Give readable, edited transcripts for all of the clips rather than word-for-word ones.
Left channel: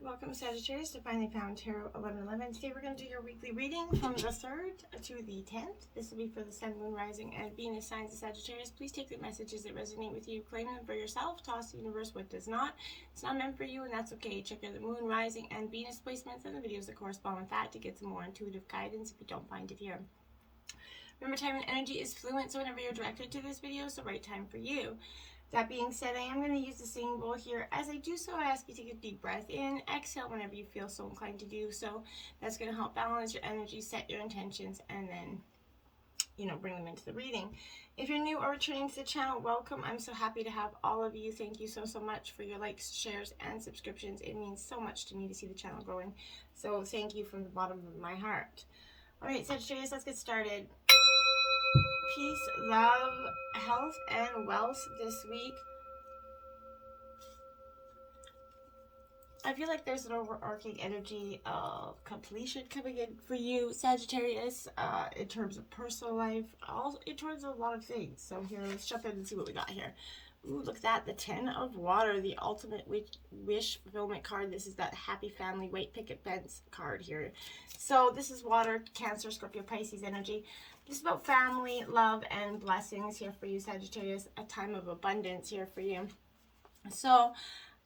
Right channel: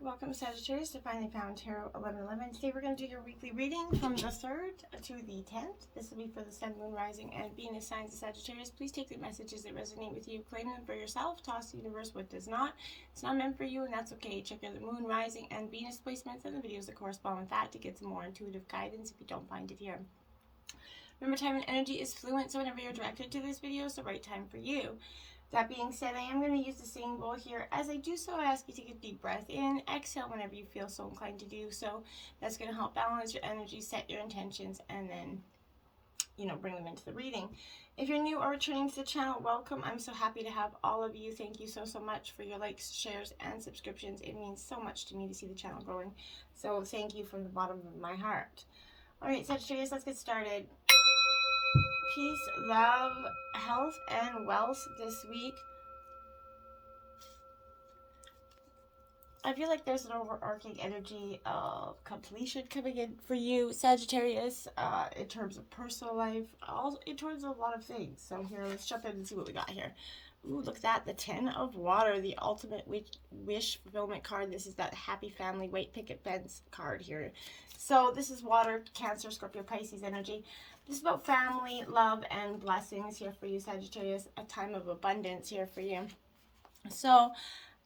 Welcome, Sagittarius, to Finally Found Tarot 1111. Today we're going to do your weekly reading from the 3rd to the 10th. This will be for the Sun, Moon, Rising, and Venus signs of Sagittarius. Please take the messages that resonate with you, claim them for yourself, toss the universe what does not. It's not meant for you, and that's okay. Check out the Moon, Rising, and Venus placements and the videos that correspond with that to get some more intuitive guidance if you don't find it here. Remember, time and energy is fluent, so whenever you're directed to this video, it's the right time for you. That being said, I am going to use the singing bowl here. As I do so, I ask you to take a deep breath in, exhale whenever you feel so inclined to do so. That's going to help balance your energy, set your intentions, and then, bring them into the reading. If you're new or returning to the channel, welcome. I'm so happy to have all of you. Thank you so much for your likes, shares, and subscriptions. It means so much to me to see the channel growing. So thank you from the bottom of my heart. All right, Sagittarius, let's get started. Peace, love, health, and wealth this week. I feel like there's an overarching energy of completion coming in for you, Sagittarius, in terms of personal life, also in terms of a lot of things. So here, let's jump in and see what we got here. Ooh, look at that, the 10 of Water, the ultimate wish fulfillment card. This is that happy family, white picket fence card here. So this is Water, Cancer, Scorpio, Pisces energy. This is about family, love, and blessings here for you, Sagittarius. A time of abundance here for you. So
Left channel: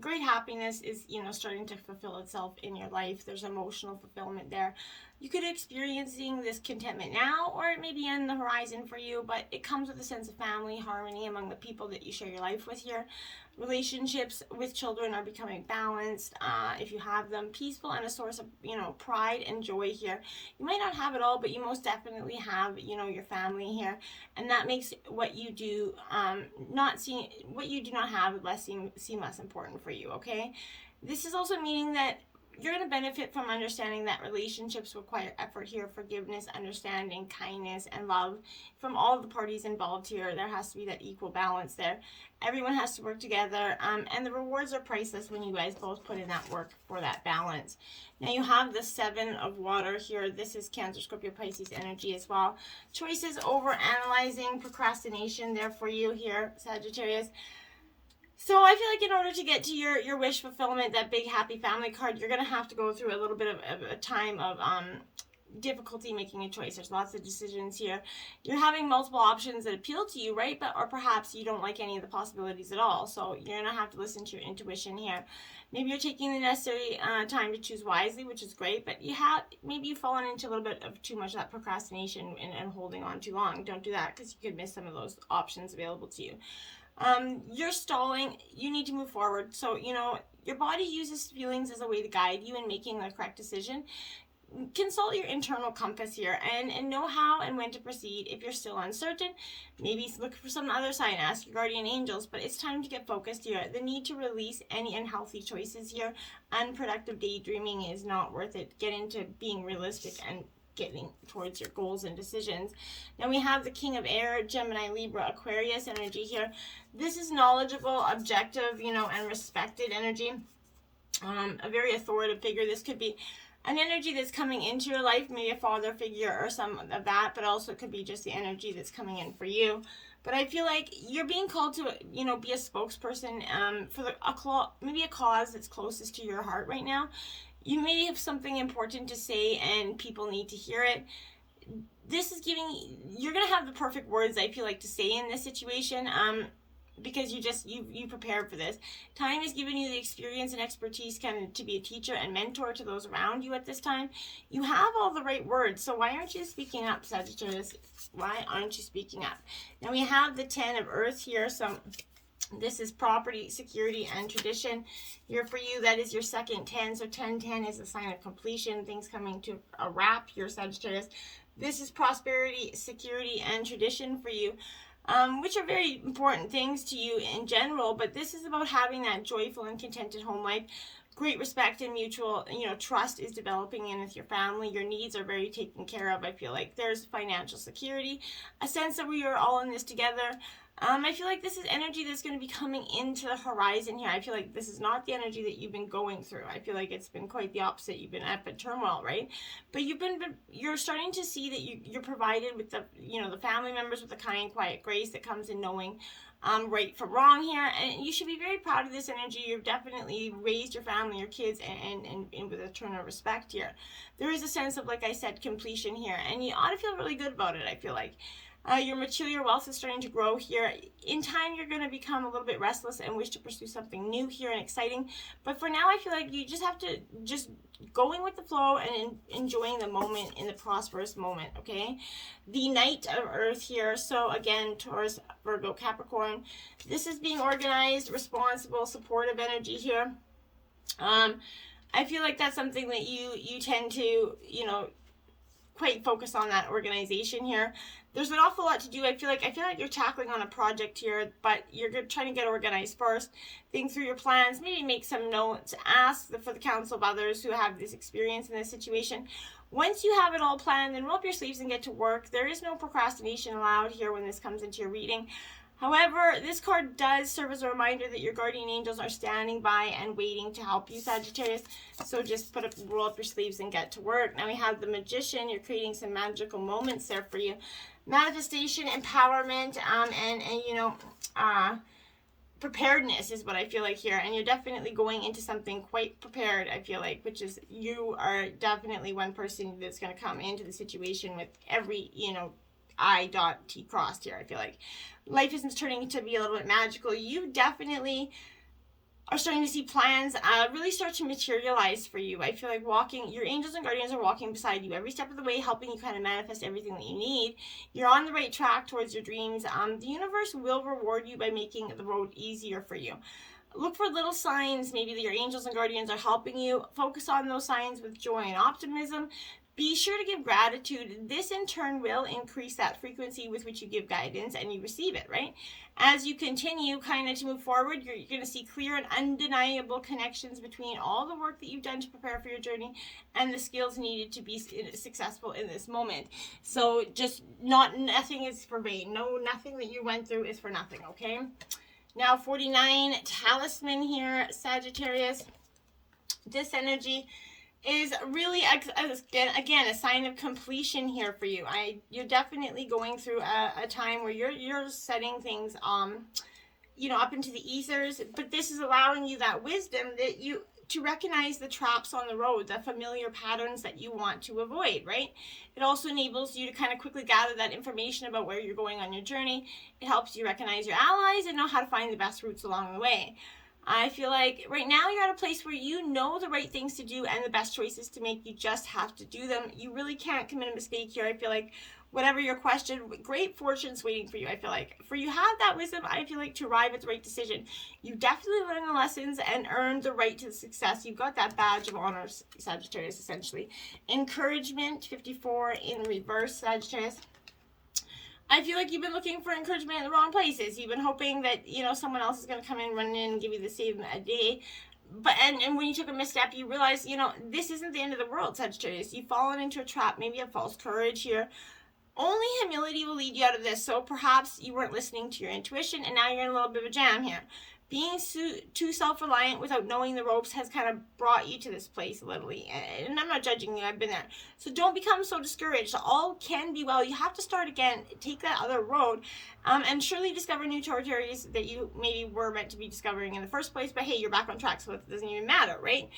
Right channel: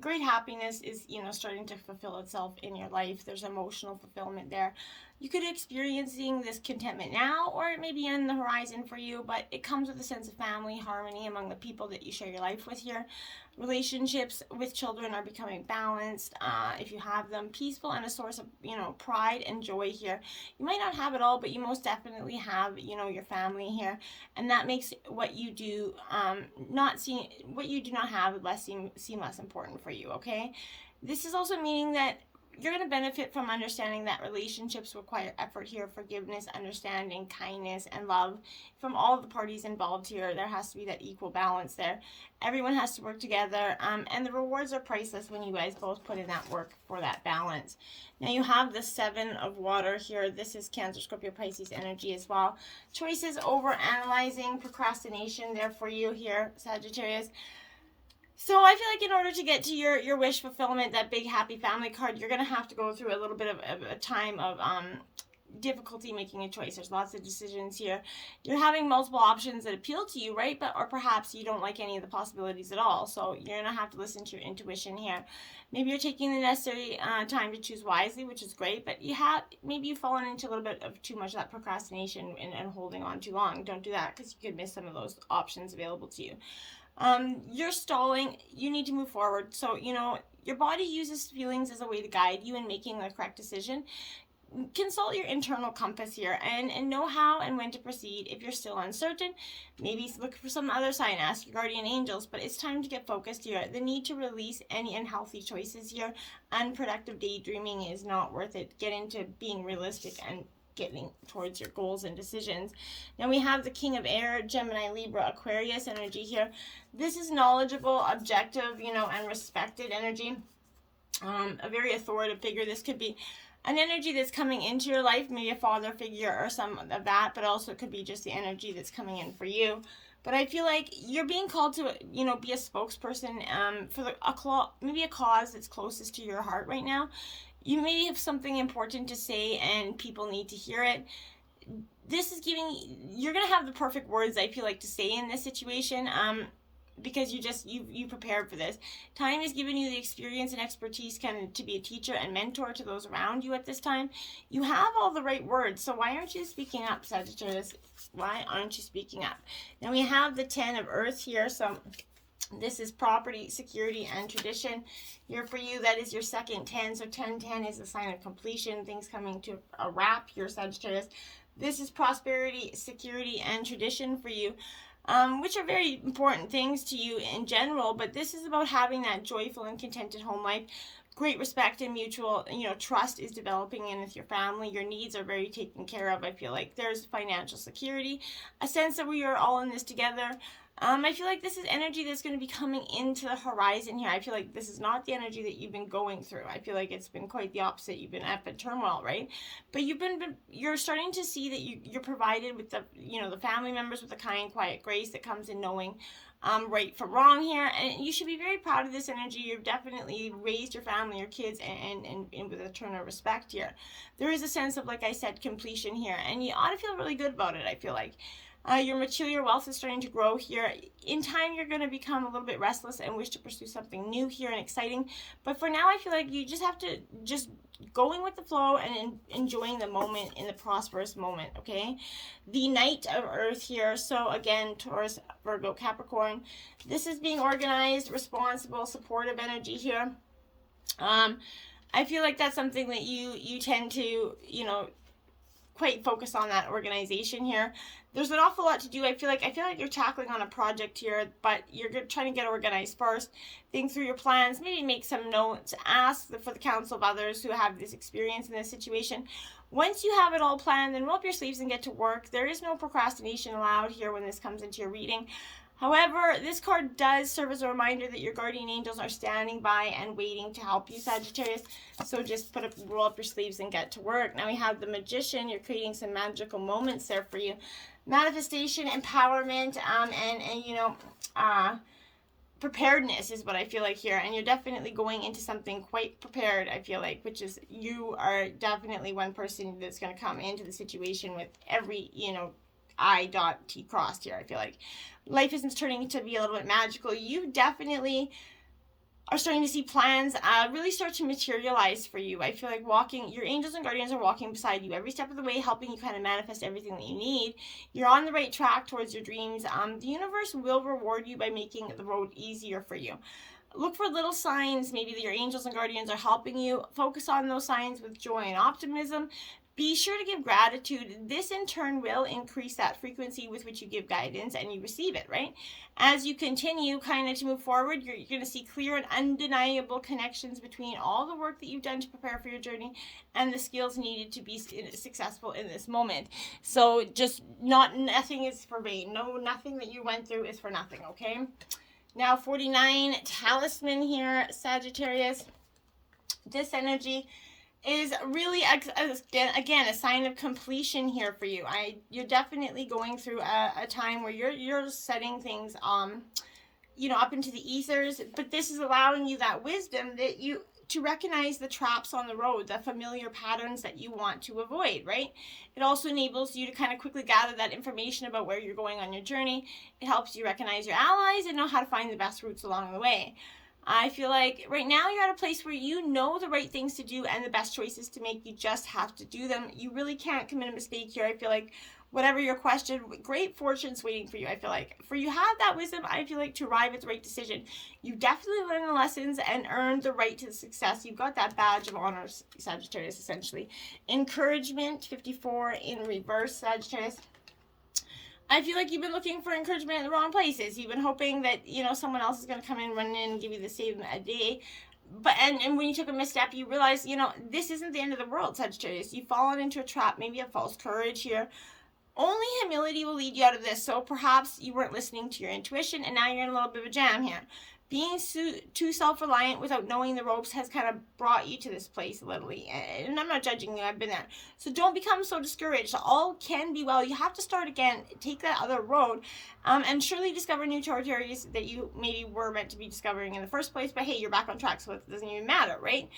great happiness is, starting to fulfill itself in your life. There's emotional fulfillment there. You could be experiencing this contentment now, or it may be in the horizon for you, but it comes with a sense of family, harmony among the people that you share your life with here. Relationships with children are becoming balanced, if you have them, peaceful, and a source of, pride and joy here. You might not have it all, but you most definitely have, your family here, and that makes what you do, what you do not have seem less important for you, okay? This is also meaning that you're going to benefit from understanding that relationships require effort here, forgiveness, understanding, kindness, and love from all the parties involved here. There has to be that equal balance there. Everyone has to work together, and the rewards are priceless when you guys both put in that work for that balance. Now you have the 7 of Water here. This is Cancer, Scorpio, Pisces energy as well. Choices, over analyzing, procrastination there for you here, Sagittarius. So I feel like in order to get to your wish fulfillment, that big happy family card, you're going to have to go through a little bit of a time of difficulty making a choice. There's lots of decisions here. You're having multiple options that appeal to you, right? Or perhaps you don't like any of the possibilities at all. So you're going to have to listen to your intuition here. Maybe you're taking the necessary time to choose wisely, which is great, but maybe you've fallen into a little bit of too much of that procrastination and holding on too long. Don't do that, because you could miss some of those options available to you. You're stalling. You need to move forward. So, your body uses feelings as a way to guide you in making the correct decision. Consult your internal compass here and know how and when to proceed. If you're still uncertain, maybe look for some other sign, ask your guardian angels, but it's time to get focused here. The need to release any unhealthy choices here. Unproductive daydreaming is not worth it. Get into being realistic and getting towards your goals and decisions. Then we have the King of Air, Gemini, Libra, Aquarius energy here. This is knowledgeable, objective, and respected energy. A very authoritative figure. This could be an energy that's coming into your life, maybe a father figure or some of that, but also it could be just the energy that's coming in for you. But I feel like you're being called to, be a spokesperson for maybe a cause that's closest to your heart right now. You may have something important to say and people need to hear it. This is you're going to have the perfect words, I feel like, to say in this situation, because you prepared for this. Time is giving you the experience and expertise kind of to be a teacher and mentor to those around you at this time. You have all the right words, so why aren't you speaking up, Sagittarius? Why aren't you speaking up? Now we have the 10 of Earth here, so this is property, security, and tradition. Here for you, that is your second 10. So 10-10 is a sign of completion, things coming to a wrap here, Sagittarius. This is prosperity, security, and tradition for you, which are very important things to you in general. But this is about having that joyful and contented home life. Great respect and mutual, trust is developing in with your family. Your needs are very taken care of. I feel like there's financial security, a sense that we are all in this together. I feel like this is energy that's going to be coming into the horizon here. I feel like this is not the energy that you've been going through. I feel like it's been quite the opposite. You've been up in turmoil, right? But you're starting to see that you're provided with the family members with the kind, quiet grace that comes in knowing right from wrong here, and you should be very proud of this energy. You've definitely raised your family, your kids, and with a turn of respect here. There is a sense of, like I said, completion here, and you ought to feel really good about it, I feel like. You're mature, your wealth is starting to grow here. In time, you're going to become a little bit restless and wish to pursue something new here and exciting. But for now, I feel like you just have to just going with the flow and enjoying the moment in the prosperous moment, okay? The Knight of Earth here. So again, Taurus, Virgo, Capricorn. This is being organized, responsible, supportive energy here. I feel like that's something that you tend to, quite focus on that organization here. There's an awful lot to do. I feel like you're tackling on a project here, but you're trying to get organized first. Think through your plans, maybe make some notes, ask for the counsel of others who have this experience in this situation. Once you have it all planned, then roll up your sleeves and get to work. There is no procrastination allowed here when this comes into your reading. However, this card does serve as a reminder that your guardian angels are standing by and waiting to help you, Sagittarius. So just roll up your sleeves and get to work. Now we have the Magician. You're creating some magical moments there for you. Manifestation, empowerment, and preparedness is what I feel like here. And you're definitely going into something quite prepared, I feel like, which is you are definitely one person that's going to come into the situation with every, I dot T crossed here, I feel like. Life is turning to be a little bit magical. You definitely are starting to see plans really start to materialize for you. I feel like your angels and guardians are walking beside you every step of the way, helping you kind of manifest everything that you need. You're on the right track towards your dreams. The universe will reward you by making the road easier for you. Look for little signs, maybe that your angels and guardians are helping you. Focus on those signs with joy and optimism. Be sure to give gratitude. This in turn will increase that frequency with which you give guidance and you receive it, right? As you continue kind of to move forward, you're going to see clear and undeniable connections between all the work that you've done to prepare for your journey and the skills needed to be successful in this moment. So just nothing is for vain. Nothing that you went through is for nothing, okay? Now 49, Talisman here, Sagittarius. This energy is really, again, a sign of completion here for you. You're definitely going through a time where you're setting things, up into the ethers, but this is allowing you that wisdom to recognize the traps on the road, the familiar patterns that you want to avoid, right? It also enables you to kind of quickly gather that information about where you're going on your journey. It helps you recognize your allies and know how to find the best routes along the way. I feel like right now you're at a place where you know the right things to do and the best choices to make. You just have to do them. You really can't commit a mistake here. I feel like whatever your question, great fortune's waiting for you. I feel like for you have that wisdom, I feel like, to arrive at the right decision. You definitely learned the lessons and earned the right to success. You've got that badge of honor, Sagittarius, essentially. Encouragement, 54 in reverse, Sagittarius. I feel like you've been looking for encouragement in the wrong places. You've been hoping that, someone else is going to come in, run in, and give you the same day. But and when you took a misstep, you realize, this isn't the end of the world, Sagittarius. You've fallen into a trap, maybe a false courage here. Only humility will lead you out of this. So perhaps you weren't listening to your intuition, and now you're in a little bit of a jam here. Being too self-reliant without knowing the ropes has kind of brought you to this place, literally. And I'm not judging you. I've been there. So don't become so discouraged. All can be well. You have to start again. Take that other road. And surely discover new territories that you maybe were meant to be discovering in the first place. But hey, you're back on track, so it doesn't even matter, right?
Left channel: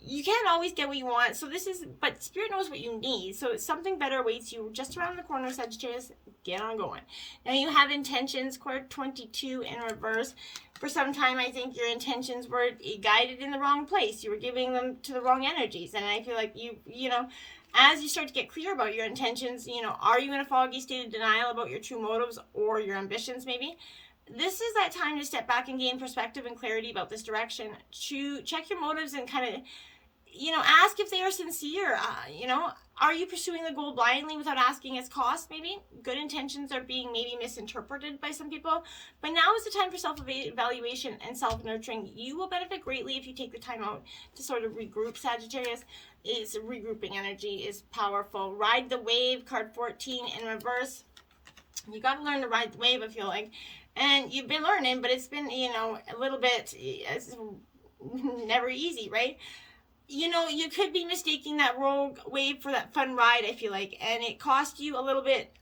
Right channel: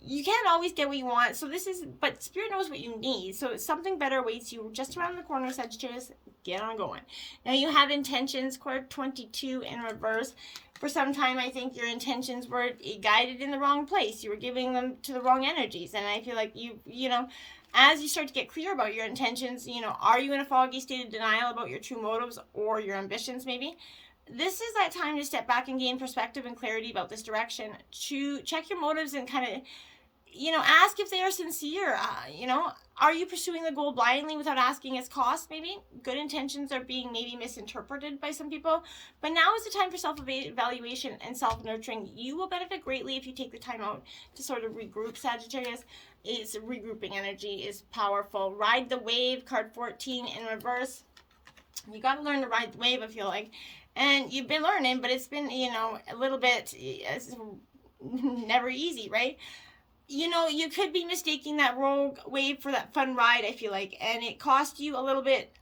You can't always get what you want. But Spirit knows what you need. So something better awaits you just around the corner, Sagittarius. Get on going. Now you have intentions, Quark 22 in reverse. For some time, I think your intentions were guided in the wrong place. You were giving them to the wrong energies. And I feel like as you start to get clear about your intentions, are you in a foggy state of denial about your true motives or your ambitions maybe? This is that time to step back and gain perspective and clarity about this direction. To check your motives and kind of, ask if they are sincere. Are you pursuing the goal blindly without asking its cost, maybe? Good intentions are being maybe misinterpreted by some people. But now is the time for self-evaluation and self-nurturing. You will benefit greatly if you take the time out to sort of regroup, Sagittarius. Regrouping energy is powerful. Ride the wave, card 14 in reverse. You got to learn to ride the wave, I feel like. And you've been learning, but it's been, a little bit, it's never easy, right? You could be mistaking that rogue wave for that fun ride, I feel like, and it cost you a little bit,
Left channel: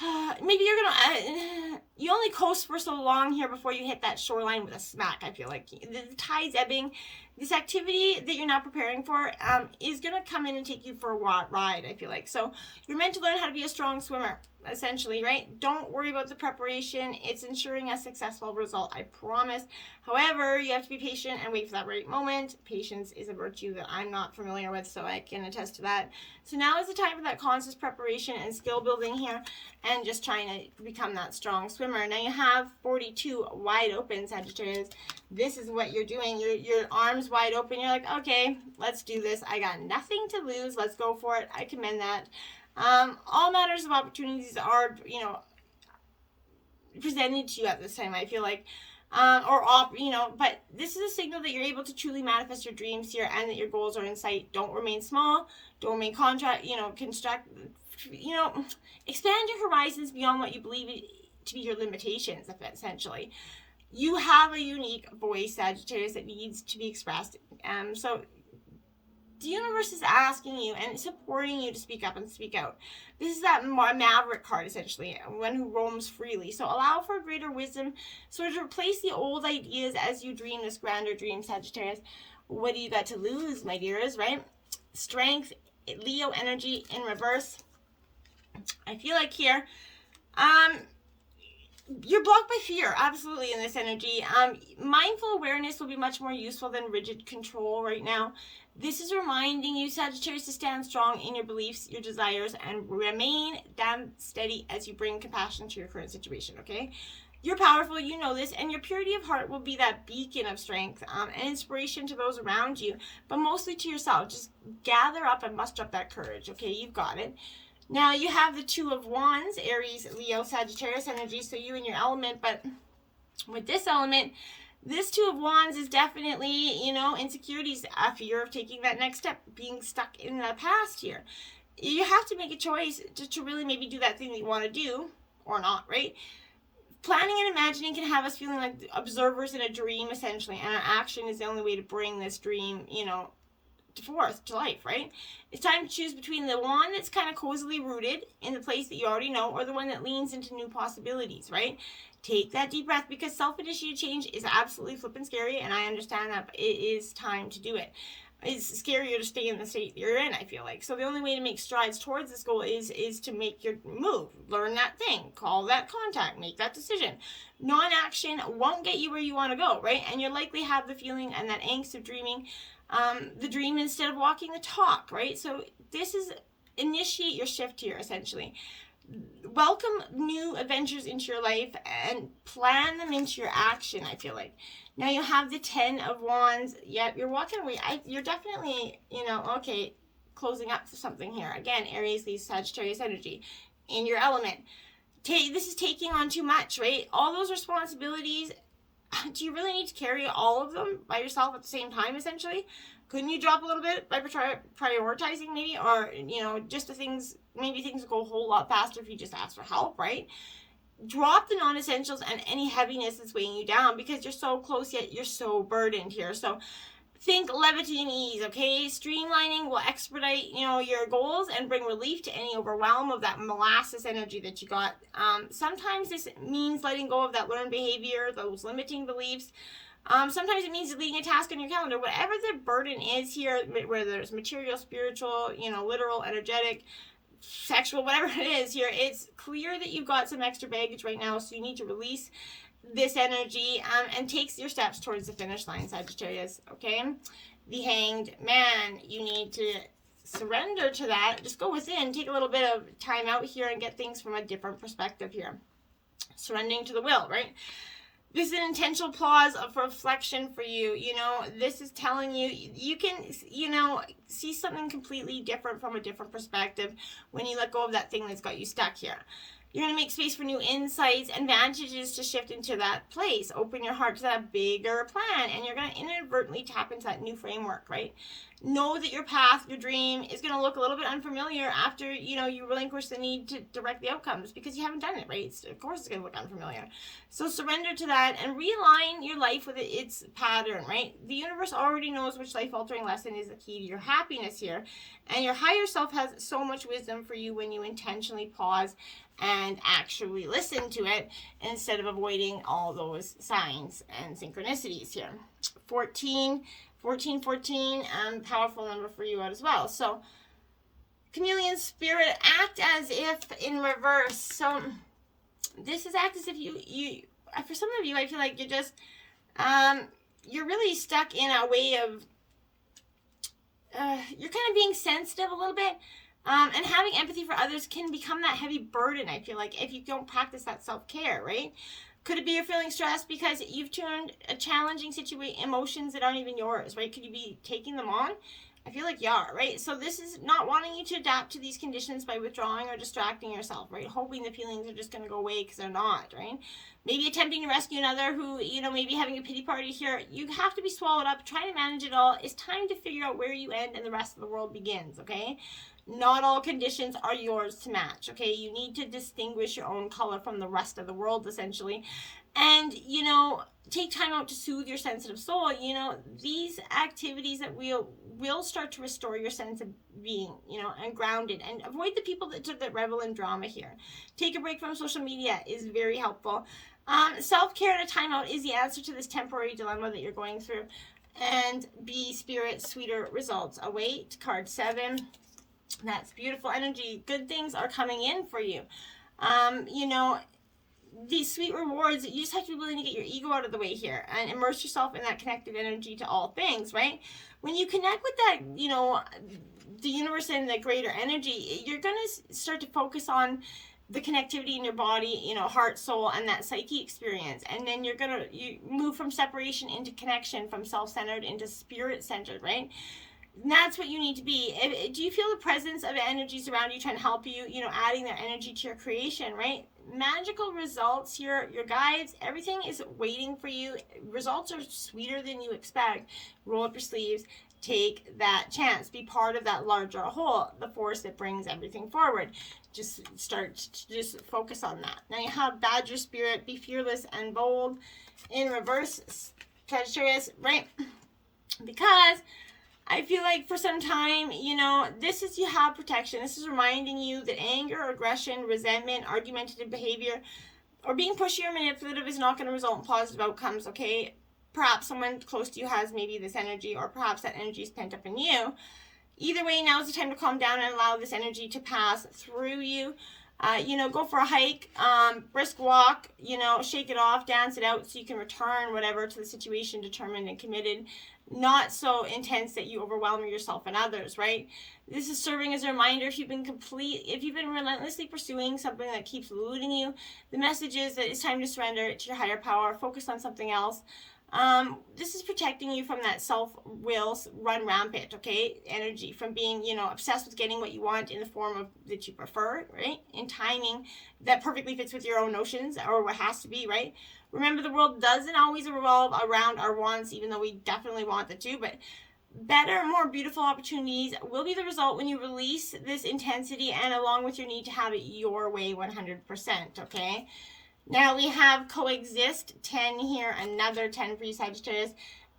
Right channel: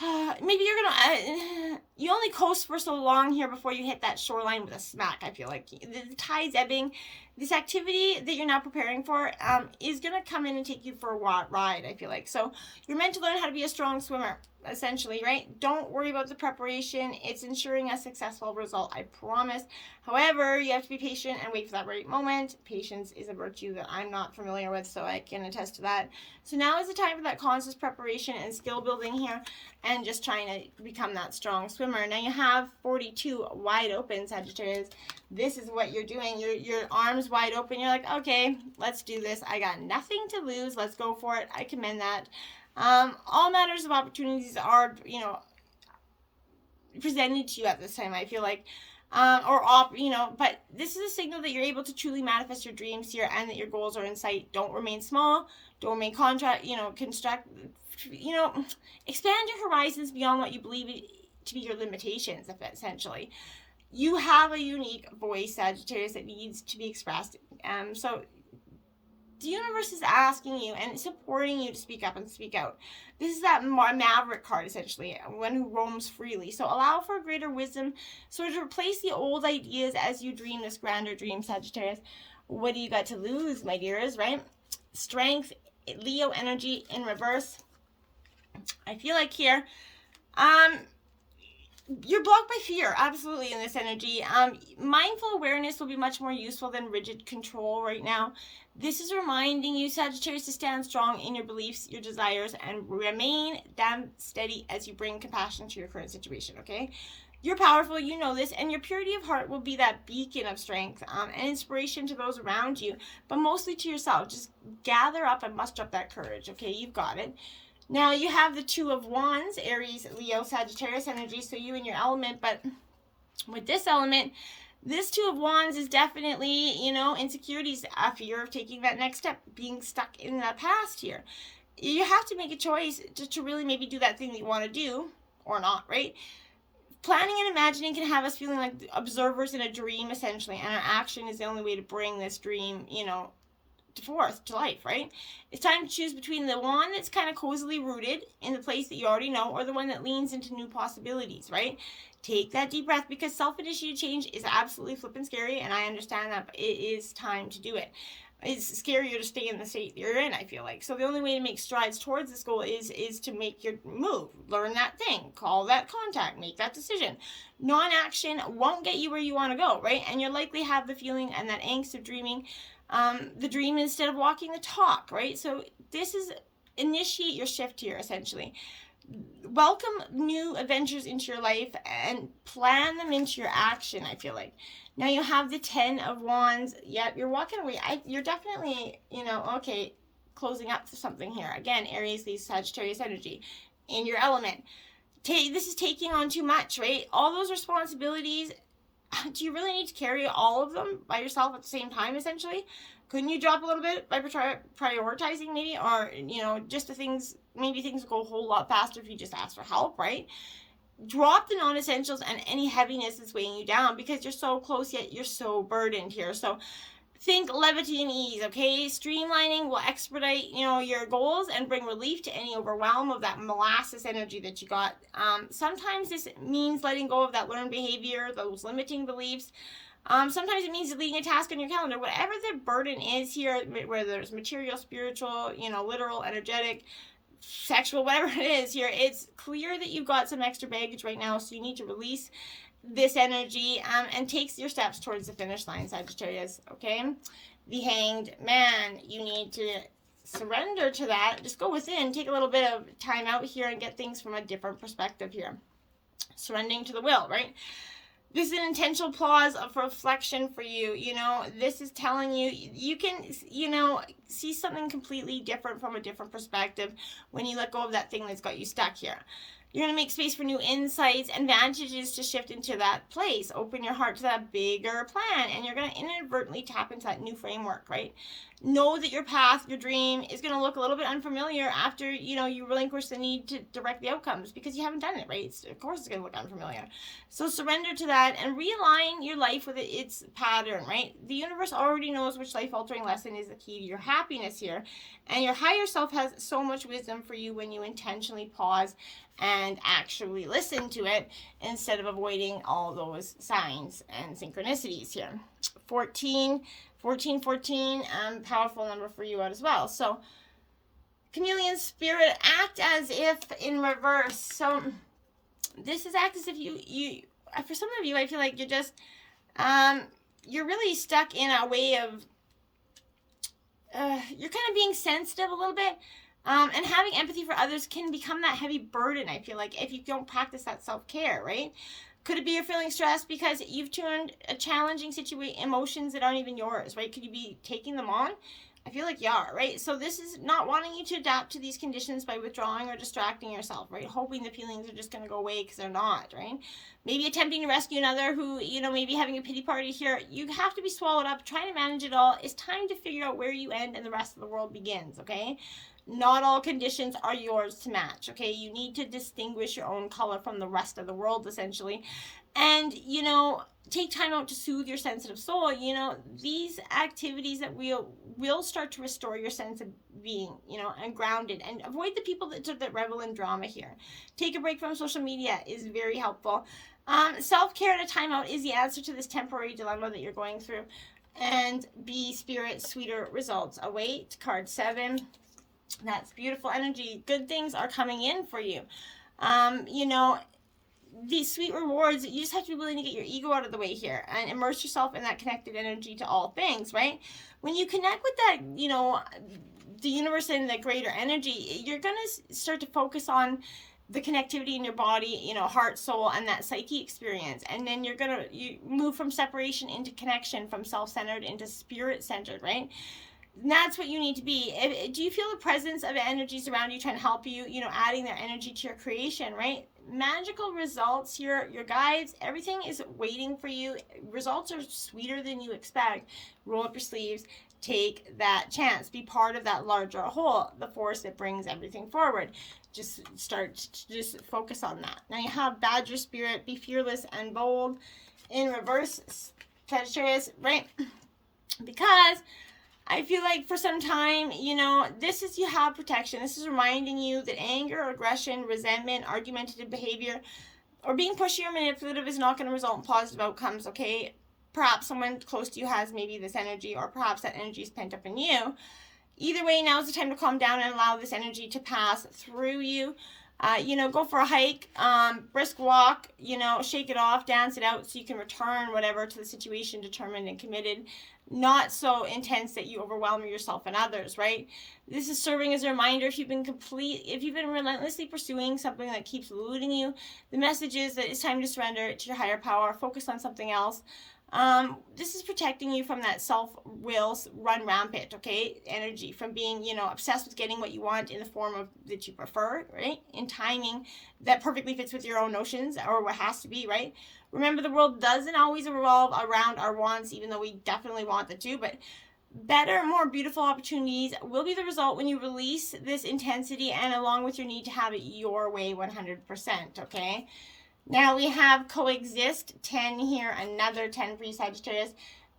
maybe you're gonna, you only coast for so long here before you hit that shoreline with a smack. I feel like the tide's ebbing. This activity that you're not preparing for is gonna come in and take you for a ride, I feel like. So you're meant to learn how to be a strong swimmer, essentially, right? Don't worry about the preparation. It's ensuring a successful result, I promise. However, you have to be patient and wait for that right moment. Patience is a virtue that I'm not familiar with, so I can attest to that. So now is the time for that conscious preparation and skill building here, and just trying to become that strong swimmer. Now you have 42 wide open, Sagittarius. This is what you're doing. Your arms wide open. You're like, okay, let's do this. I got nothing to lose. Let's go for it. I commend that. All matters of opportunities are, presented to you at this time, I feel like. But this is a signal that you're able to truly manifest your dreams here, and that your goals are in sight. Don't remain small. Don't remain expand your horizons beyond what you believe to be your limitations, essentially. You have a unique voice, Sagittarius, that needs to be expressed. So the universe is asking you and supporting you to speak up and speak out. This is that maverick card, essentially, one who roams freely. So allow for greater wisdom, sort of replace the old ideas as you dream this grander dream, Sagittarius. What do you got to lose, my dears, right? Strength, Leo energy in reverse. I feel like here, you're blocked by fear, absolutely, in this energy. Mindful awareness will be much more useful than rigid control right now. This is reminding you, Sagittarius, to stand strong in your beliefs, your desires, and remain damn steady as you bring compassion to your current situation, okay? You're powerful, you know this, and your purity of heart will be that beacon of strength and inspiration to those around you, but mostly to yourself. Just gather up and muster up that courage, okay? You've got it. Now, you have the Two of Wands, Aries, Leo, Sagittarius energy, so you and your element, but with this element, this Two of Wands is definitely, insecurities, a fear of taking that next step, being stuck in the past here. You have to make a choice to really maybe do that thing that you want to do, or not, right? Planning and imagining can have us feeling like observers in a dream, essentially, and our action is the only way to bring this dream, forth to life, right? It's time to choose between the one that's kind of cozily rooted in the place that you already know, or the one that leans into new possibilities, right? Take that deep breath, because self-initiated change is absolutely flippin' scary, and I understand that, but it is time to do it. It's scarier to stay in the state you're in, I feel like. So the only way to make strides towards this goal is to make your move. Learn that thing. Call that contact. Make that decision. Non-action won't get you where you want to go, right? And you'll likely have the feeling and that angst of dreaming the dream instead of walking the talk, right? So this is initiate your shift here, essentially. Welcome new adventures into your life and plan them into your action, I feel like. Now you have the 10 of Wands. Yep, you're walking away. You're definitely, okay, closing up to something here. Again, Aries, these Sagittarius energy in your element. This is taking on too much, right? All those responsibilities, do you really need to carry all of them by yourself at the same time, essentially? Couldn't you drop a little bit by prioritizing maybe? Or, just the things, maybe things would go a whole lot faster if you just asked for help, right? Drop the non-essentials and any heaviness that's weighing you down, because you're so close yet you're so burdened here. So think levity and ease, okay? Streamlining will expedite, your goals and bring relief to any overwhelm of that molasses energy that you got. Sometimes this means letting go of that learned behavior, those limiting beliefs. Sometimes it means deleting a task on your calendar. Whatever the burden is here, whether it's material, spiritual, literal, energetic, sexual, whatever it is here, it's clear that you've got some extra baggage right now, so you need to release this energy and take your steps towards the finish line, Sagittarius, okay? The Hanged Man, you need to surrender to that. Just go within, take a little bit of time out here and get things from a different perspective here. Surrendering to the will, right? This is an intentional pause of reflection for you. This is telling you, you can, see something completely different from a different perspective when you let go of that thing that's got you stuck here. You're going to make space for new insights and advantages to shift into that place. Open your heart to that bigger plan, and you're going to inadvertently tap into that new framework, right? Know that your path, your dream, is going to look a little bit unfamiliar after, you relinquish the need to direct the outcomes, because you haven't done it, right? Of course it's going to look unfamiliar. So surrender to that and realign your life with its pattern, right? The universe already knows which life-altering lesson is the key to your happiness here. And your higher self has so much wisdom for you when you intentionally pause and actually listen to it instead of avoiding all those signs and synchronicities here. 14, powerful number for you out as well. So chameleon spirit, act as if in reverse. So this is act as if you for some of you, I feel like you're just you're really stuck in a way of you're kind of being sensitive a little bit, and having empathy for others can become that heavy burden, I feel like, if you don't practice that self-care, right? Could it be you're feeling stressed because you've turned a challenging emotions that aren't even yours, right? Could you be taking them on? I feel like you are, right? So this is not wanting you to adapt to these conditions by withdrawing or distracting yourself, right? Hoping the feelings are just going to go away because they're not, right? Maybe attempting to rescue another who, maybe having a pity party here. You have to be swallowed up. Trying to manage it all. It's time to figure out where you end and the rest of the world begins, okay? Not all conditions are yours to match, okay? You need to distinguish your own color from the rest of the world, essentially. And, take time out to soothe your sensitive soul. These activities that will start to restore your sense of being, and grounded. And avoid the people that revel in drama here. Take a break from social media is very helpful. Self-care and a timeout is the answer to this temporary dilemma that you're going through. And be spirit, sweeter results await. Card 7. That's beautiful energy. Good things are coming in for you. These sweet rewards, you just have to be willing to get your ego out of the way here and immerse yourself in that connected energy to all things, right? When you connect with that, the universe and the greater energy, you're going to start to focus on the connectivity in your body, heart, soul, and that psyche experience. And then you move from separation into connection, from self-centered into spirit-centered, right? And that's what you need to be. Do you feel the presence of energies around you trying to help you, adding their energy to your creation, right? Magical results, your guides, everything is waiting for you. Results are sweeter than you expect. Roll up your sleeves. Take that chance. Be part of that larger whole, the force that brings everything forward. Just focus on that. Now you have Badger Spirit, be fearless and bold. In reverse, Sagittarius, right? Because I feel like for some time, you have protection. This is reminding you that anger, aggression, resentment, argumentative behavior, or being pushy or manipulative is not going to result in positive outcomes, okay? Perhaps someone close to you has maybe this energy, or perhaps that energy is pent up in you. Either way, now is the time to calm down and allow this energy to pass through you. Go for a hike, brisk walk, shake it off, dance it out so you can return whatever to the situation determined and committed. Not so intense that you overwhelm yourself and others, right? This is serving as a reminder if you've been relentlessly pursuing something that keeps eluding you, the message is that it's time to surrender to your higher power, focus on something else. This is protecting you from that self-will run rampant, okay, energy, from being, obsessed with getting what you want in the form of that you prefer, right, in timing that perfectly fits with your own notions or what has to be, right? Remember, the world doesn't always revolve around our wants, even though we definitely want it to, but better, more beautiful opportunities will be the result when you release this intensity and along with your need to have it your way 100%, okay? Now we have coexist, 10 here, another 10 for you, Sagittarius.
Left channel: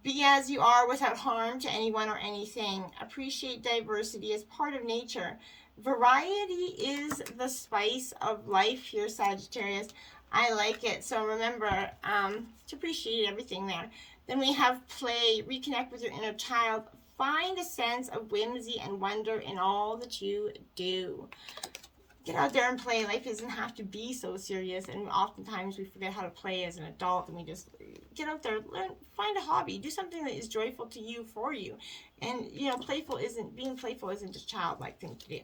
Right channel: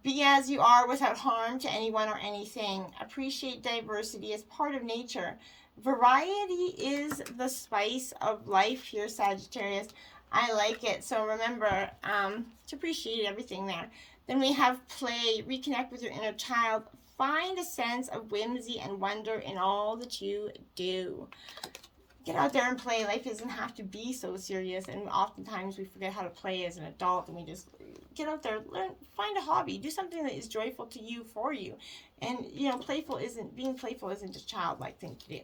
Be as you are without harm to anyone or anything. Appreciate diversity as part of nature. Variety is the spice of life here, Sagittarius. I like it. So remember to appreciate everything there. Then we have play, reconnect with your inner child. Find a sense of whimsy and wonder in all that you do. Get out there and play. Life doesn't have to be so serious, and oftentimes we forget how to play as an adult, and we just get out there, learn, find a hobby, do something that is joyful to you, for you. And being playful isn't just a childlike thing to do.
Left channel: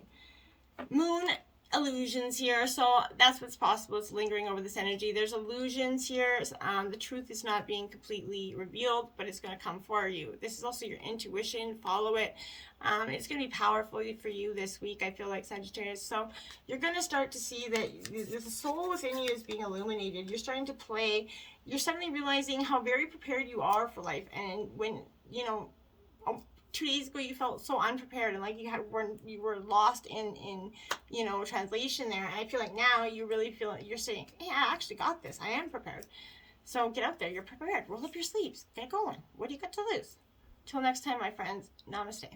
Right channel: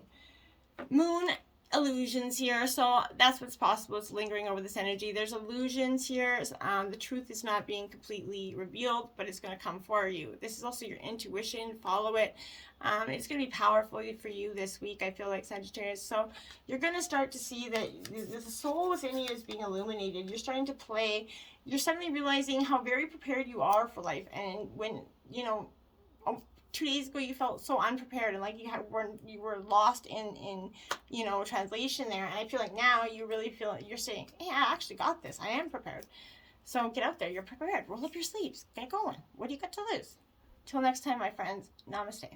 Moon illusions here, so that's what's possible. It's lingering over this energy. There's illusions here. The truth is not being completely revealed, but it's going to come for you. This is also your intuition. Follow it. It's going to be powerful for you this week, I feel like, Sagittarius. So you're going to start to see that the soul within you is being illuminated. You're starting to play. You're suddenly realizing how very prepared you are for life. And when, 2 days ago you felt so unprepared and like you were lost in translation there. And I feel like now you really feel like you're saying, hey, I actually got this. I am prepared. So get out there. You're prepared. Roll up your sleeves. Get going. What do you got to lose? Till next time, my friends. Namaste.